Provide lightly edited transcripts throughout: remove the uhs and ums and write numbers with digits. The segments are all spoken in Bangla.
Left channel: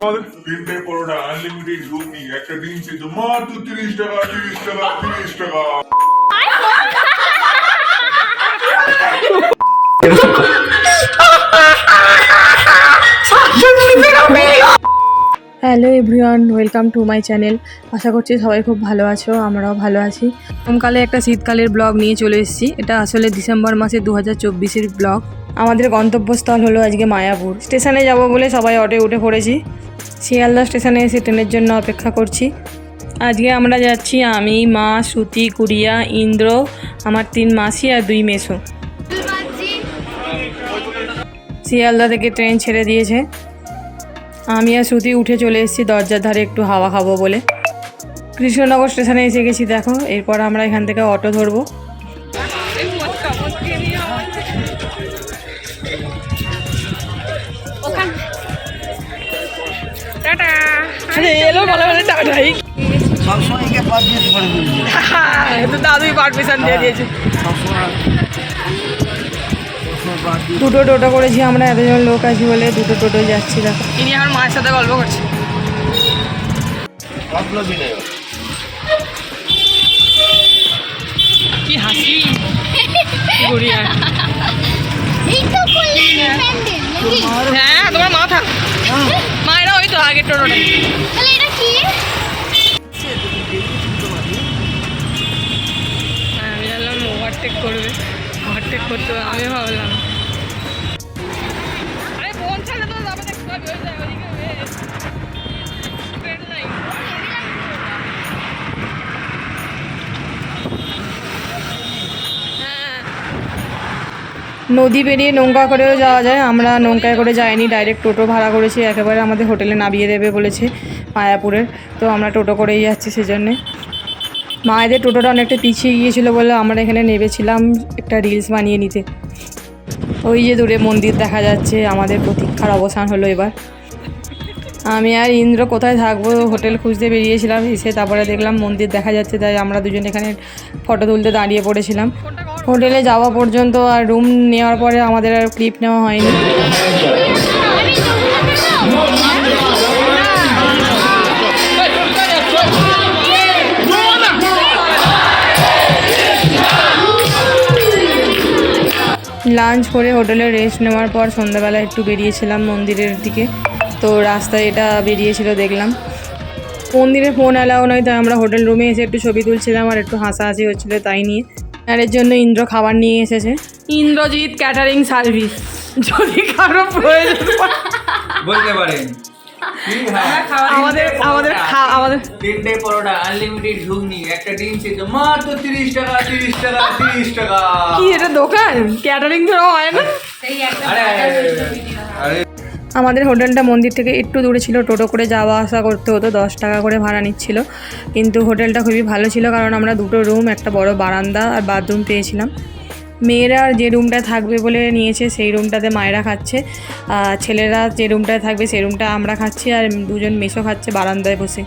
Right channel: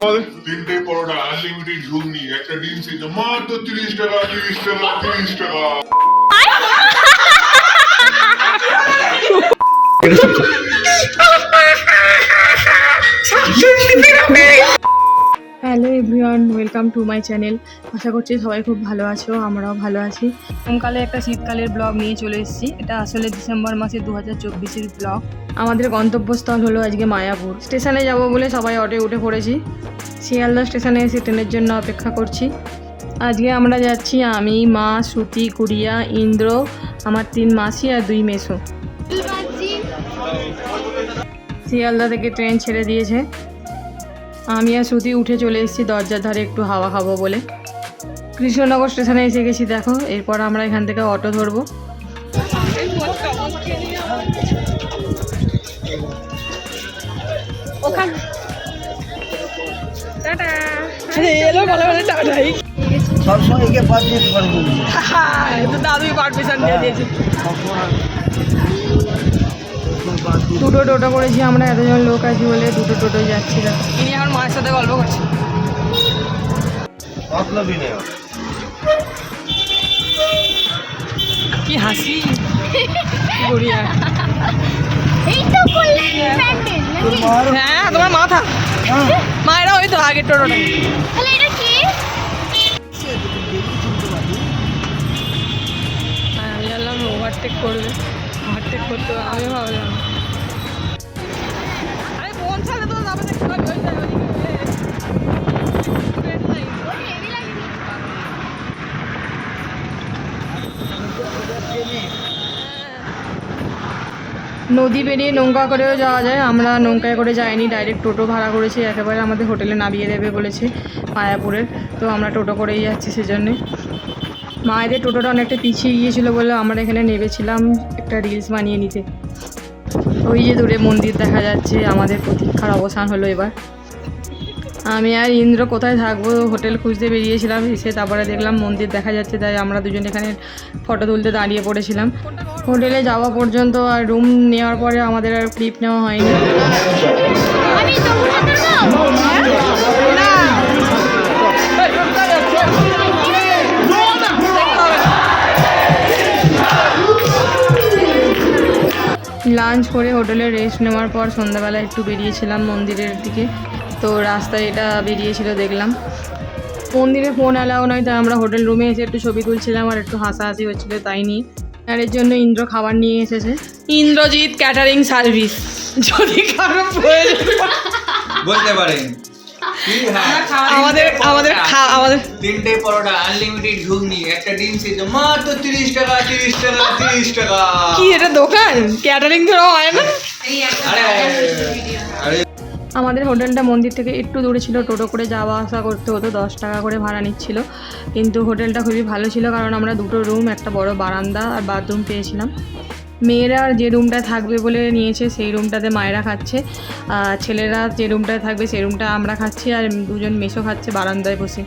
তিনটে পরোটা আনলিমিটেড ঘুগনি একটা ডিম সিদ্ধ মাত্র 30 টাকা 30 টাকা 30 টাকা। Hello everyone, welcome to my channel. আশা করছি সবাই খুব ভালো আছো, আমরাও ভালো আছি। গরমকালে একটা শীতকালের ব্লগ নিয়ে চলে এসেছি। এটা আসলে ডিসেম্বর মাসে 2024-এর ব্লগ। আমাদের গন্তব্যস্থল হলো আজকে মায়াপুর। স্টেশনে যাব বলে সবাই অটোয় উঠে পড়েছি। শিয়ালদা স্টেশনে এসে ট্রেনের জন্য অপেক্ষা করছি। আজকে আমরা যাচ্ছি আমি, মা, শ্রুতি, গুড়িয়া, ইন্দ্র, আমার 3 মাসি আর 2 মেসো। শিয়ালদা থেকে ট্রেন ছেড়ে দিয়েছে। আমি আর শ্রুতি উঠে চলে এসেছি দরজার ধারে একটু হাওয়া খাবো বলে। কৃষ্ণনগর স্টেশনে এসে গেছি দেখো। এরপর আমরা এখান থেকে অটো ধরবো। দাদুই পারমিশন দিয়ে দিয়েছে। দুটো টোটো করেছি আমরা, এতজন লোক আছি বলে দুটো টোটো যাচ্ছি। দেখো ইনি আমার মায়ের সাথে গল্প করছে। কি হাসি গুড়িয়া। হ্যাঁ তোমার মাথা মায়েরা ওই তো আগের টোটোটা। আমি জানলাম ওভারটেক করবে, ওভারটেক করতে আমি ভাবলাম নদী পেরিয়ে নৌকা করেও যাওয়া যায়। আমরা নৌকায় করে যাইনি, ডাইরেক্ট টোটো ভাড়া করেছি। একেবারে আমাদের হোটেলে নামিয়ে দেবে বলেছে মায়াপুরের, তো আমরা টোটো করেই যাচ্ছি। সেজন্যে মায়েদের টোটোটা অনেকটা পিছিয়ে গিয়েছিলো বলে আমরা এখানে নেমেছিলাম একটা রিলস বানিয়ে নিতে। ওই যে দূরে মন্দির দেখা যাচ্ছে। আমাদের প্রতীক্ষার অবসান হলো এবার। আমি আর ইন্দ্র কোথায় থাকবো হোটেল খুঁজতে বেরিয়েছিলাম, এসে তারপরে দেখলাম মন্দির দেখা যাচ্ছে, তাই আমরা দুজন এখানে ফটো তুলতে দাঁড়িয়ে পড়েছিলাম। হোটেলে যাওয়া পর্যন্ত আর রুম নেওয়ার পরে আমাদের আর ক্লিপ নেওয়া হয়নি। লাঞ্চ করে হোটেলে রেস্ট নেওয়ার পর সন্ধ্যাবেলা একটু বেরিয়েছিলাম মন্দিরের দিকে। তো রাস্তায় এটা বেরিয়েছিল দেখলাম। মন্দিরে ফোন অ্যালাউ নয়, তাই আমরা হোটেল রুমে এসে একটু ছবি তুলছিলাম আর একটু হাসাহাসি হচ্ছিলো তাই নিয়ে। আর এর জন্য ইন্দ্র খাবার নিয়ে এসেছে। ইন্দ্রজিৎ ক্যাটারিং সার্ভিস, যদি কারো প্রয়োজন বলতে পারেন। আমাদের তিনটে পরোটা আনলিমিটেড ঘুগনি একটা ডিম সিদ্ধ মাত্র 30 টাকা 30 টাকা 30 টাকা। কি এটা দোকান? ক্যাটারিং তো হয় না। আরে আরে আমাদের হোটেলটা মন্দির থেকে একটু দূরে ছিল, টোটো করে যাওয়া আসা করতে হতো, 10 টাকা করে ভাড়া নিচ্ছিল। কিন্তু হোটেলটা খুবই ভালো ছিল, কারণ আমরা দুটো রুম, একটা বড় বারান্দা আর বাথরুম পেয়েছিলাম। মেয়েরা যে রুমটা থাকবে বলে নিয়েছে সেই রুমটাতে মায়েরা খাচ্ছে, ছেলেরা যে রুমটায় থাকবে সেই রুমটা আমরা খাচ্ছি, আর দুজন মেসো খাচ্ছে বারান্দায় বসে।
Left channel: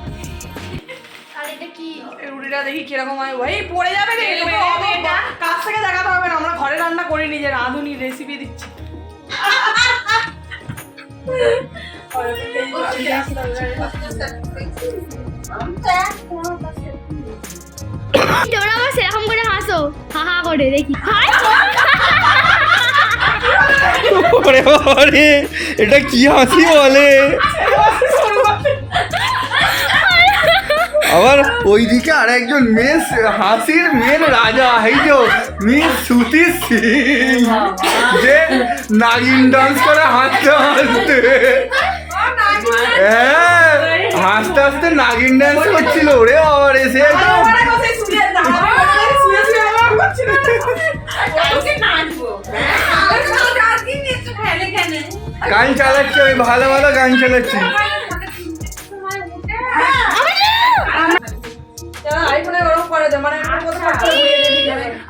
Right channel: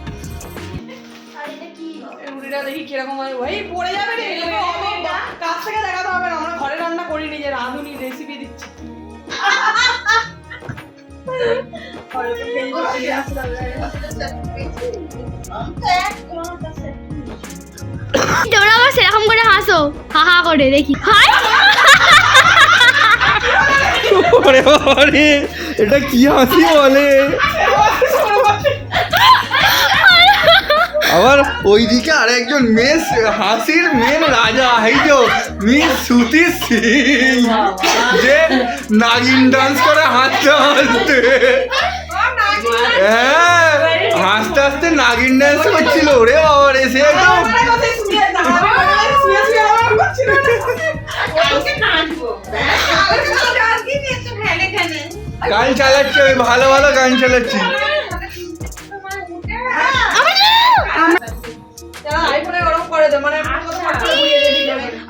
রুটিটা দেখি কিরকম হয়। ভাই পড়ে যাবে রে, কাছ থেকে দেখাতে হবে না, আমরা ঘরে রান্না করিনি, যে রাঁধুনি রেসিপি দিচ্ছি। তোমরা আবার সেরকম করে হাসো, হা হা করে দেখি। এটা কি হাসি বলে? আবার ওইদিকে আর একজন মেস হাসির মেন রাজা, এই যে মিস শ্রুতি সিং, যে নাগিন ডান্স করে হাসতে হাসতে, হ্যাঁ হাসতে হাসতে নাগিন ডান্স করছিল। ওরে বাবার এসে একদম গান চালাচ্ছি, ওই ভালো ভালো গান চালাচ্ছি।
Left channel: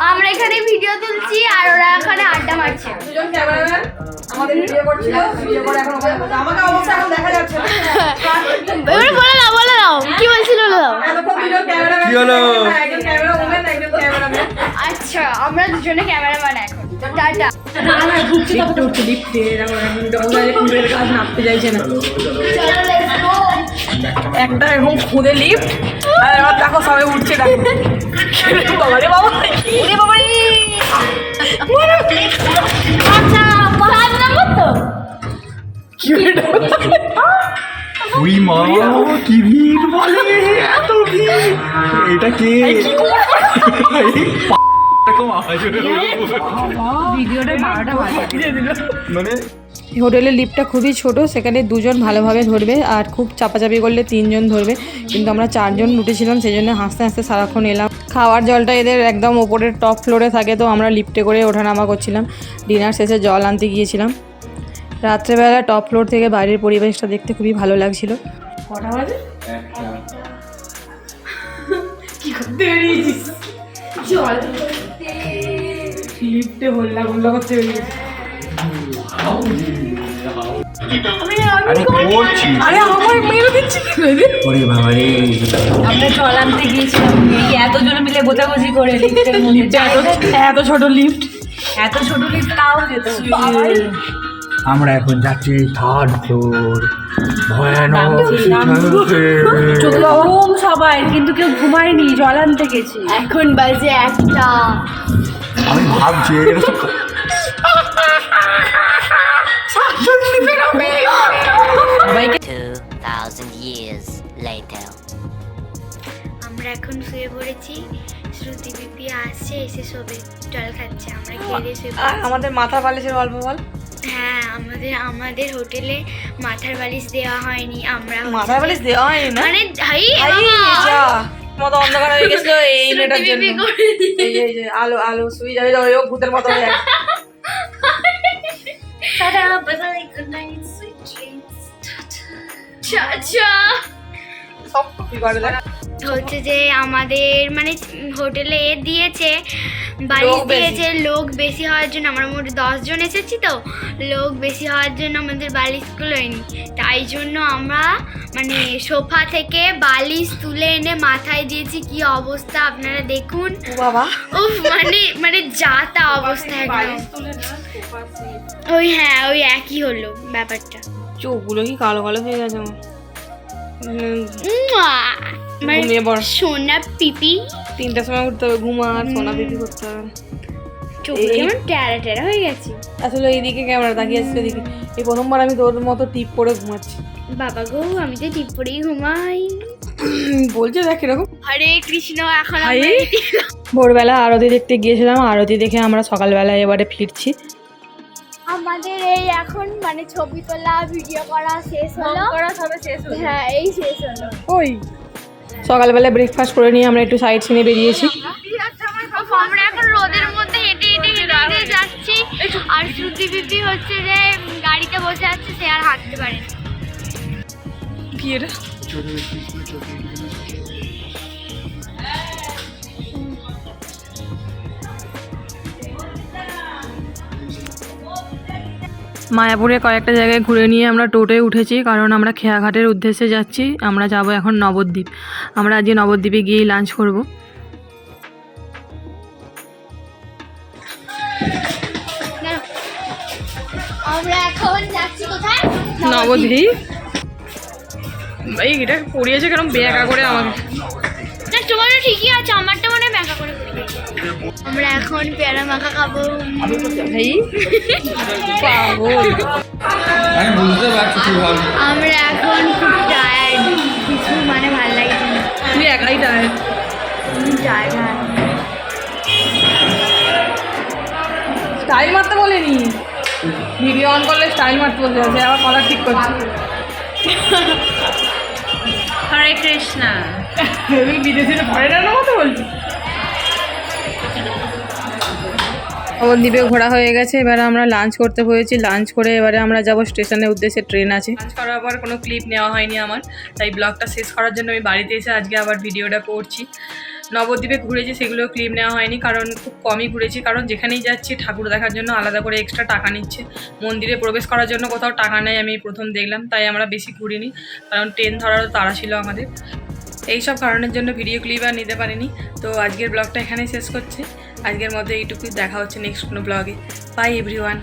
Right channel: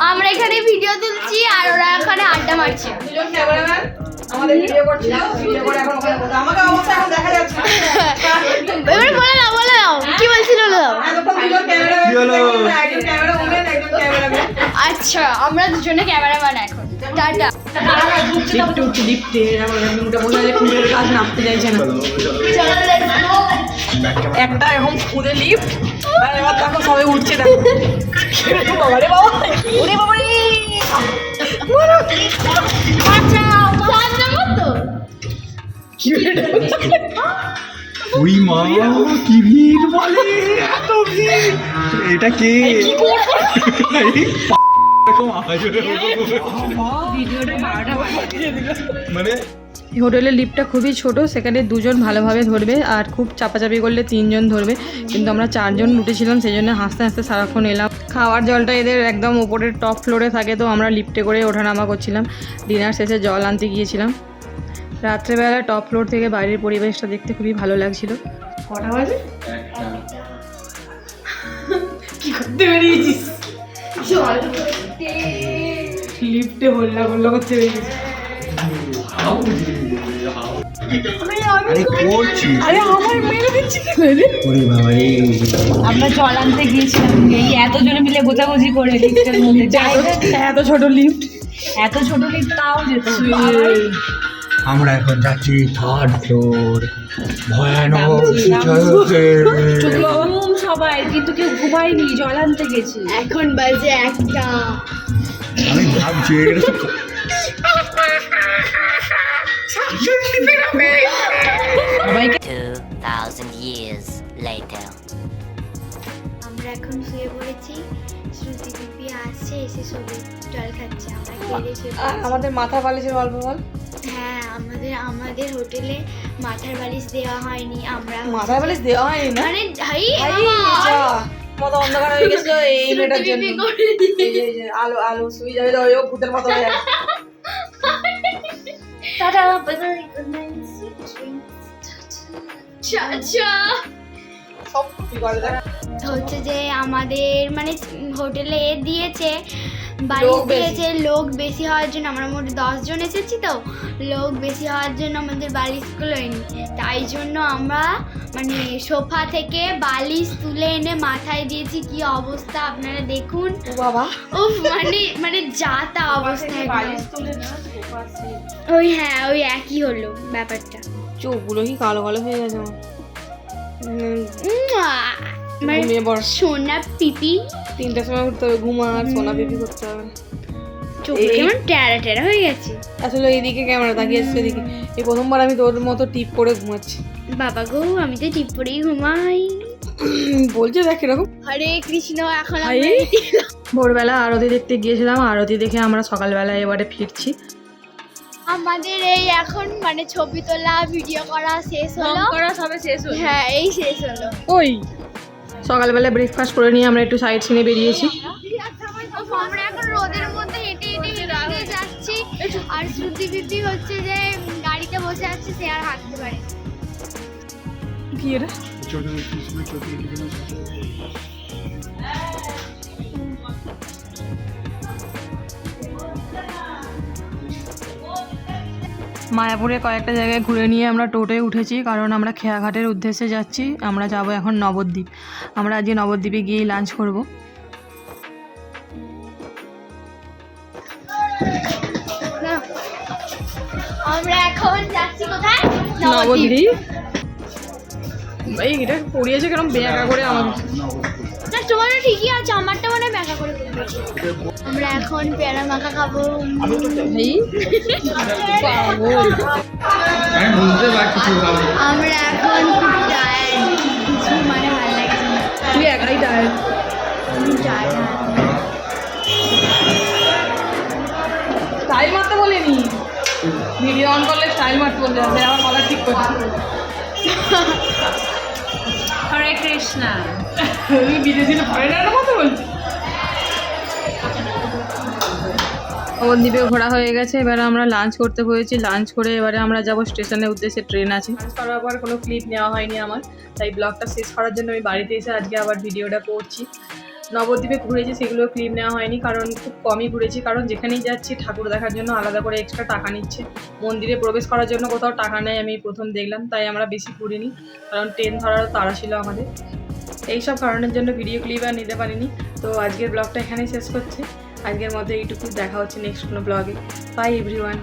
আমরা এখানে ভিডিও তুলছি আর ওরা এখানে আড্ডা মারছে। দুজন ক্যামেরাম্যান আমাদের ভিডিও করছিল, ভিডিও করে এখন ওখানে বসে। আমাকে অবশ্যই এখন দেখা যাচ্ছে না। এবারে বলে দাও কি বলছিল, বলে দাও। এতক্ষণ দুজন ক্যামেরাম্যান, কি হলো? একজন ক্যামেরা ওম্যান, একজন ক্যামেরাম্যান। আচ্ছা আমরা দুজনে ক্যামেরাম্যান এখন। টাটা। একটু লিফটে এরকম একটা বোঝা যায় কুলের কাজ নামতে চাইছে না। চলো একটা এখন খুদে লিফট, আর এবার দেখো সবাই উঠছে, দেখো বাবা রে বাবা, ওরে বাবা রে। আচ্ছা 5 নম্বর তো ওই মা কি ভিড় বলে, এত ভিড়, এটা কে ভিডিওটা 12টা বাজিয়ে দিল। মানে হোটেলের লিফটটা খুবই ছোট, সেখানে 2 জন ভালোভাবে ধরবে আর খুব চাপাচাপি করলে 3 জন ধরবে, কিন্তু আমরা 4 জন উঠেছিলাম, সেই জন্য হাসতে হাসতে সারাক্ষণ এলাম। খাওয়ার জলটা এদের একদম ওপরের টপ ফ্লোরে থাকে, তো আমরা লিফটে করে ওঠানামা করছিলাম। ডিনার শেষে জল আনতে গিয়েছিলাম। রাত্রেবেলা টপ ফ্লোর থেকে বাইরের পরিবেশটা দেখতে খুবই ভালো লাগছিল। কটা বাজে? কি করতে বেরিয়েছিস? লিফটে হল্লা গুল্লা করতে বেরিয়েছিস? আরে করছি, আরে আমার মেরে দিচ্ছি কি করে? ওরে বাবা রে, আমরা জল আনতে গিয়েছিলাম, এই এত জনে মিলে গোছাগুছি করে লিফটের মধ্যে এত ছোট লিফট, এত ছোট লিফট তাও যেত। আমরা এখন যাচ্ছি 3rd ফ্লোর, ভয়ানক ঘুম সবাই, কিন্তু কেউ ঘুমায়নি, জল আনতে গেছি। এখন বাজে 1টা। আমি ভাবছি এটা তো 2,000 years later. আমরা এখন শুয়ে পড়েছি। শ্রুতি পিপি আসছে, এসে সবে জল খাচ্ছে, আমরা খেয়ে শুয়ে আর পড়েছি। আমাদের মাথা বালিশের গল্প বল। হ্যাঁ, আমাদের হোটেলে মাথার বালিশ দেওয়া হয়নি। আমরা মাথার বালিশ দেওয়া হয়নি না, মানে হাই হাই যা, মতো অন্ধকার হয়ে গেছিল এই মেয়েটার জন্য। এই যে আলো আলো শুয়ে যাবে, ও ভূতের মতো হয়ে গেছে। Tata, bye bye, good night, sweet dreams, tata. সব কি করে দেখ। হচ্ছে যে আমাদের মানে হোটেলে দিয়েছে, বালিশ লোক বেশি। দিয়েছে, লোক বেশি হওয়ার জন্য, আমরা মোট 10 জন এসেছি, তো লোক বেশি হওয়ার জন্য আমাদের বালিশগুলো এনি, তাই জন্য আমরা মানে সোফা থেকে বালিশ তুলে এনে মাথায় দিয়েছি। কি অবস্থা আপনারা দেখুন। ও বাবা, উফ, মানে যা তা অবস্থা একদম। ওই হ্যাঁ, ওই একই হলো ব্যাপারটা। চোখগুলো কি কালো কালো হয়ে গেছে আমার। উম্মুয়া! মানে ঘুমিয়ে পড়, সোনা পিপি, 3টার সময় উঠতে হবে, ঘুমা আর সোনা পিপি করতে হবে। চোখ এই- কেমন টেরা টেরা হয়ে গেছে। আসলে এইদিকে ক্যামেরা তাকিয়ে আসছে এদিকে। এই প্রথমবার আমি তোর মতো টিপ করে ঘুমাচ্ছি। বাবা গো, আমি তো টিপ পরেই ঘুমাই। বলছে দেখ এরকম। হরে কৃষ্ণ। এখন হাই, ভোরবেলা আরতি দেখতে গিয়েছিলাম, আরতি দেখে আমরা সকালবেলা এবারে ফিরছি। আমাদের এই এখন মানে ছবি তোলা ভিডিও করা শেষ হলো। সবে শেষ হলো। হ্যাঁ, এই শেষ হলো। ওই সকালবেলা ব্রেকফাস্ট করে নিয়ে আমরা একটু সাইড সিনে বেরিয়েছি। আমরা এখন রোদের মধ্যে হেঁটে হেঁটে যাচ্ছি, আর শ্রুতি পিপি হচ্ছে যে গাড়িতে বসে আছে, সে আর হাঁটতে পারে না। কি এটা? মায়াপুরে কয়েকটা জায়গায় ঘুরে নিয়ে আমরা টোটোয় উঠেছি, কারণ আমরা খেয়াঘাটের উদ্দেশ্যে যাচ্ছি। আমরা যাব এখন নবদ্বীপ। আমরা আজকে নবদ্বীপে গিয়েই লাঞ্চ করব। আমরা এখন যাচ্ছি কোথায়? নবদ্বীপ। এই এটা পড়িয়েছে কেরম বেঁকা করে আমাকে। না, তোমারটা ঠিকই আছে, আমারটা মানে মেকা করে পড়িয়েছে। আমরা এখন পেয়ারা মাখা খাবো। এই পাগল। আমি বুঝতে পারছি তুই ভালো। আমরা এখন খুব টায়ার্ড, কিছু মানে ভালো লাগছে না। তুই একাই টায়ার্ড। টায়ার্ড। স্টাইল মারতে বলিনি, ভিডিও অন করলে স্টাইল মারতে বলতে হবে, আমার মাথা ঠিক করছে। হরে কৃষ্ণা। তুই বিদেশি ফরেনারের মতো বলছিস। নবদ্বীপে ঘোরা হয়ে গেছে, এবারে আমরা লাঞ্চ করতে হয়েছি। লাঞ্চ করে এবারে আমরা যাব স্টেশনের উদ্দেশ্যে, ট্রেন আছে। লাঞ্চ করার পর কোনো ক্লিপ নেওয়া হয়নি আমার, তাই ব্লগটা শেষ করার জন্য আমি বাড়িতে এসে আজকে আবার ভিডিওটা করছি। নবদ্বীপে ঘুরেছি, সেগুলো ক্লিপ নেওয়া হয়নি, কারণ খুব কমই ঘুরেছি। কারণ যেখানেই যাচ্ছি ঠাকুর দেখার জন্য আলাদা করে এক্সট্রা টাকা নিচ্ছে। মন্দিরে প্রবেশ করার জন্য কোথাও টাকা নেই, আমি প্রথম দেখলাম, তাই আমরা বেশি ঘুরিনি, কারণ ট্রেন ধরারও তাড়া ছিল আমাদের। এইসব কারণের জন্য ভিডিও ক্লিপ আর নিতে পারিনি। তো আজকের ব্লগটা এখানেই শেষ করছি। আজকের মধ্যে এইটুকুই, দেখা হচ্ছে নেক্সট কোনো ব্লগে। By everyone.